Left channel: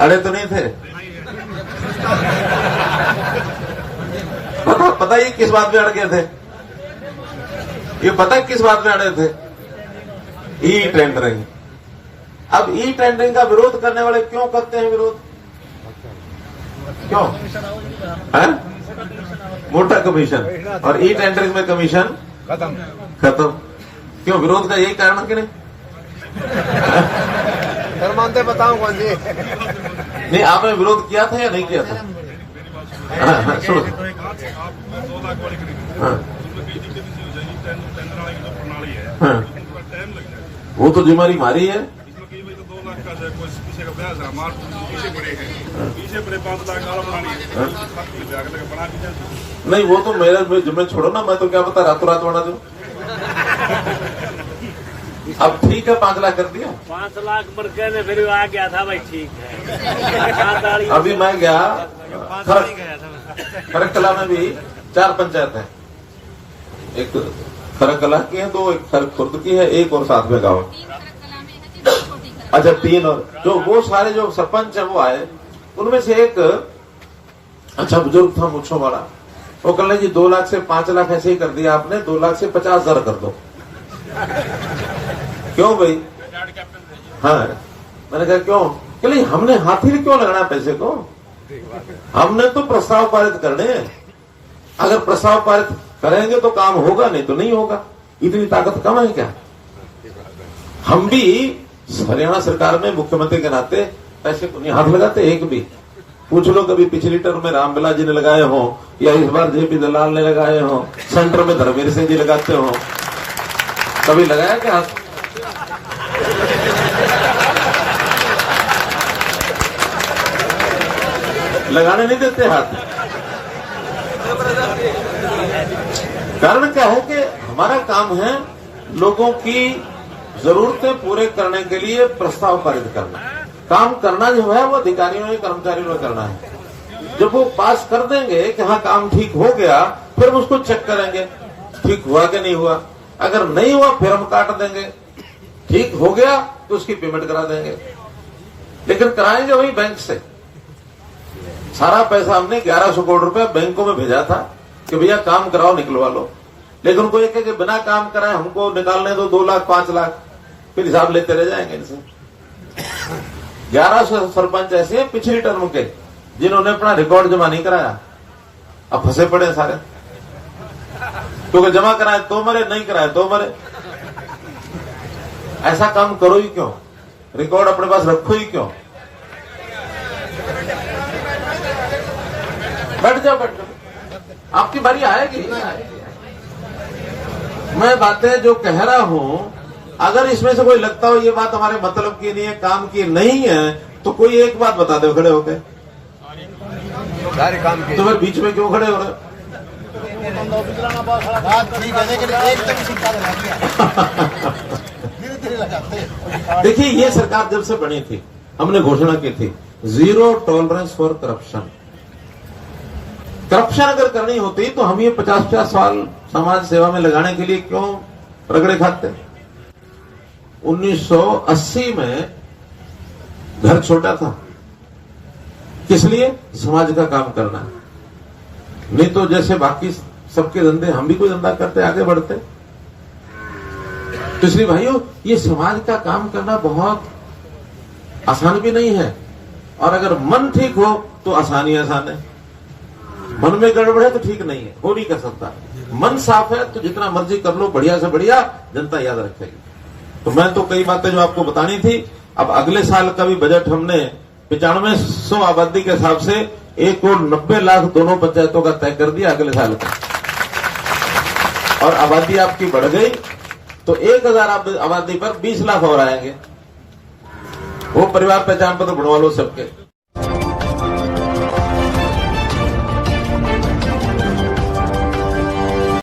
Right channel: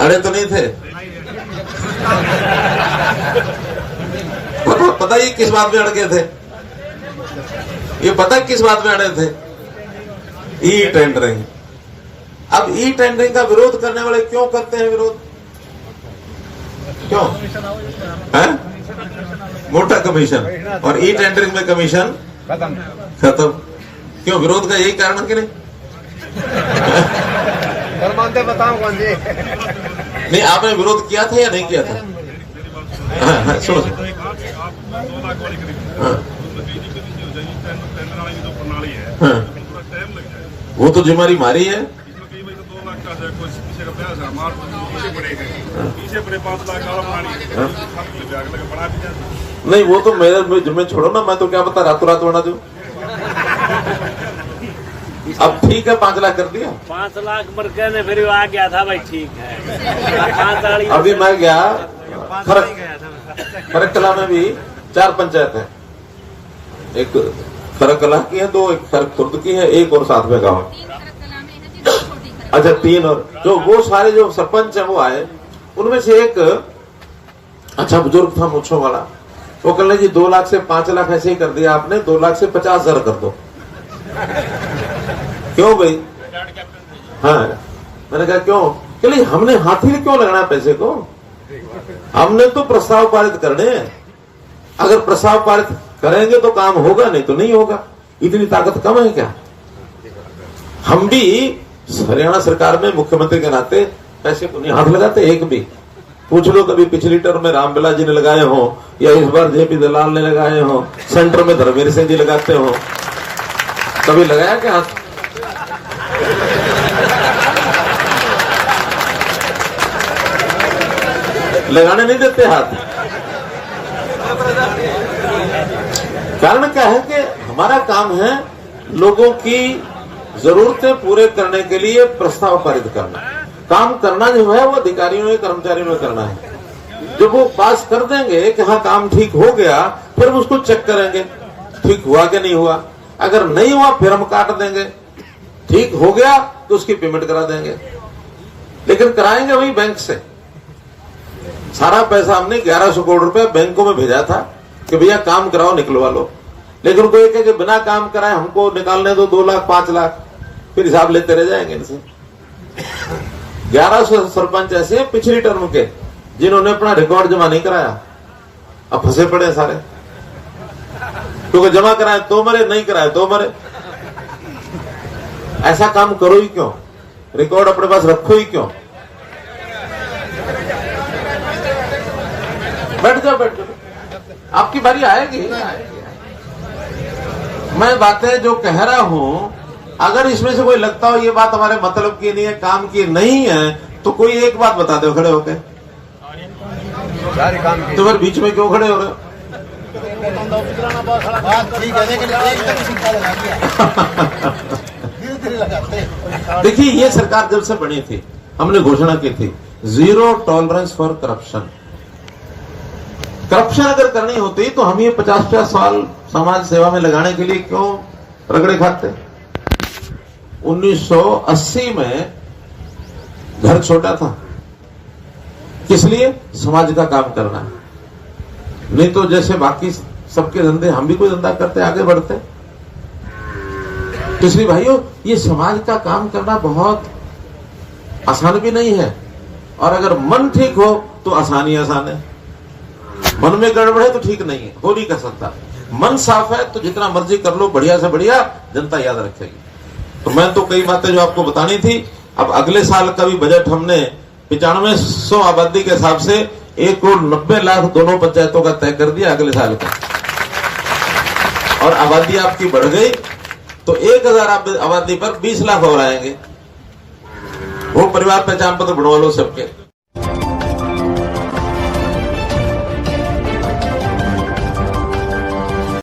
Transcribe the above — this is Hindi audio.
अड़े तो नहीं थे? पता ही किस बात में अड़ गए थे? ये पता है किस बात में अड़े थे? E tendering. अब ई टेंडरिंग का विरोध करने वाले क्यों करते हैं विरोध? क्यों है? मोटा कमीशन और ई टेंडरिंग में कमीशन खत्म। क्यों विरोध का यही कारण कि नहीं? बताओ कौन जी? नहीं, आपने विरोध किया था या नहीं किया था? सुनो, वो तो जिम्मेदारी हमारी है। नहीं, वो तो मेरे जिम्मे छोड़ो ना, मैं तो क्या पता रातों रात बना दूं। अब ठीक है, 5 लाख कर दिया। 5 लाख पर कहने फिर आ गया था भाई, ठीक है। अभी मैं गया खरक कला में भी 4 पंचायत है। एक खरक कला की है, 2 एक खरक खुर्द की है, एक और साथ में गाँव। अच्छा 3 और जो वो सारे जो सरपंच है वो आए। उनमें से एक अच्छा बुजुर्ग था मुच्छों वाला। वो कह रहे जी 2 लाख से 5 लाख ऐसे ही कर दिया आपने, 2 लाख से 50,000 कर दो। क्यों भाई? हाँ, मैंने कहा क्यों? कि नहीं, हमने हाथ ही क्यों लगाना पैसे को? हमने तो प्रस्ताव पारित करने हैं। अगर प्रस्ताव पारित करेंगे तो काम होगा, नहीं तो नहीं होगा। इतनी ताकत कम है क्या? हम भी हरियाणा सरकार में मुख्यमंत्री के नाते पैसे को नहीं हाथ लगाते एक भी। पूछ लो कभी पिछली टर्म में रामबिला जी ने लगाए हो या इस बार जेपी दलाल ने लगाए हो, सेंटर में धर्मवीर सिंह जी लगाते हो, कभी लगाया क्या हाथ? लगाने नहीं देते हाथ। कारण क्या है कि हमारा काम है लोगों की जरूरतें पूरे करने के लिए प्रस्ताव पारित करना। काम करना जो है वो अधिकारियों ने कर्मचारियों ने करना है। जब वो पास कर देंगे कि हाँ काम ठीक हो गया, फिर हम उसको चेक करेंगे ठीक हुआ कि नहीं हुआ। अगर नहीं हुआ फिर हम काट देंगे। ठीक हो गया तो उसकी पेमेंट करा देंगे, लेकिन कराएंगे वही बैंक से। सारा पैसा हमने 1100 करोड़ रुपए बैंकों में भेजा था कि भैया काम कराओ निकलवा लो, लेकिन उनको एक है कि बिना काम कराए हमको निकालने दो 2 लाख 5 लाख, फिर हिसाब लेते रह जाएंगे इनसे। 1100 सरपंच ऐसे हैं पिछली टर्म के जिन्होंने अपना रिकॉर्ड जमा नहीं कराया, अब फंसे पड़े सारे। क्योंकि जमा कराए तो मरे, नहीं कराए तो मरे। ऐसा काम करो ही क्यों? रिकॉर्ड अपने पास रखो ही क्यों? बैठ जाओ, आपकी बारी आएगी। मैं बातें जो कह रहा हूं, अगर इसमें से कोई लगता हो ये बात हमारे मतलब की नहीं है, काम की नहीं है, तो कोई एक बात बता दो खड़े होके। तो फिर बीच में क्यों खड़े हो रहे हो? देखिए, ये सरकार जब से बनी थी हमने घोषणा की थी 0 टॉलरेंस फॉर करप्शन। करप्शन अगर करनी होती तो हम ये 50-50 साल समाज सेवा में लगाने के लिए क्यों रगड़े खाते? 1980 में घर छोटा था, किस लिए? समाज का काम करना। नहीं तो जैसे बाकी सबके धंधे हम भी कोई धंधा करते आगे बढ़ते। तो इसलिए भाइयों, ये समाज का काम करना बहुत आसान भी नहीं है, और अगर मन ठीक हो तो आसानी आसान है। मन में गड़बड़ है तो ठीक नहीं है, हो नहीं कर सकता। मन साफ है तो जितना मर्जी कर लो, बढ़िया से बढ़िया जनता याद रखेगी। तो मैं तो कई बातें जो आपको बतानी थी। अब अगले साल का भी बजट हमने 9500 आबादी के हिसाब से 1,90,00,000 दोनों पंचायतों का तय कर दिया अगले साल का। और आबादी आपकी बढ़ गई तो 1000 आबादी पर 20 लाख और आएंगे। वो परिवार पहचान पत्र बनवा लो सबके।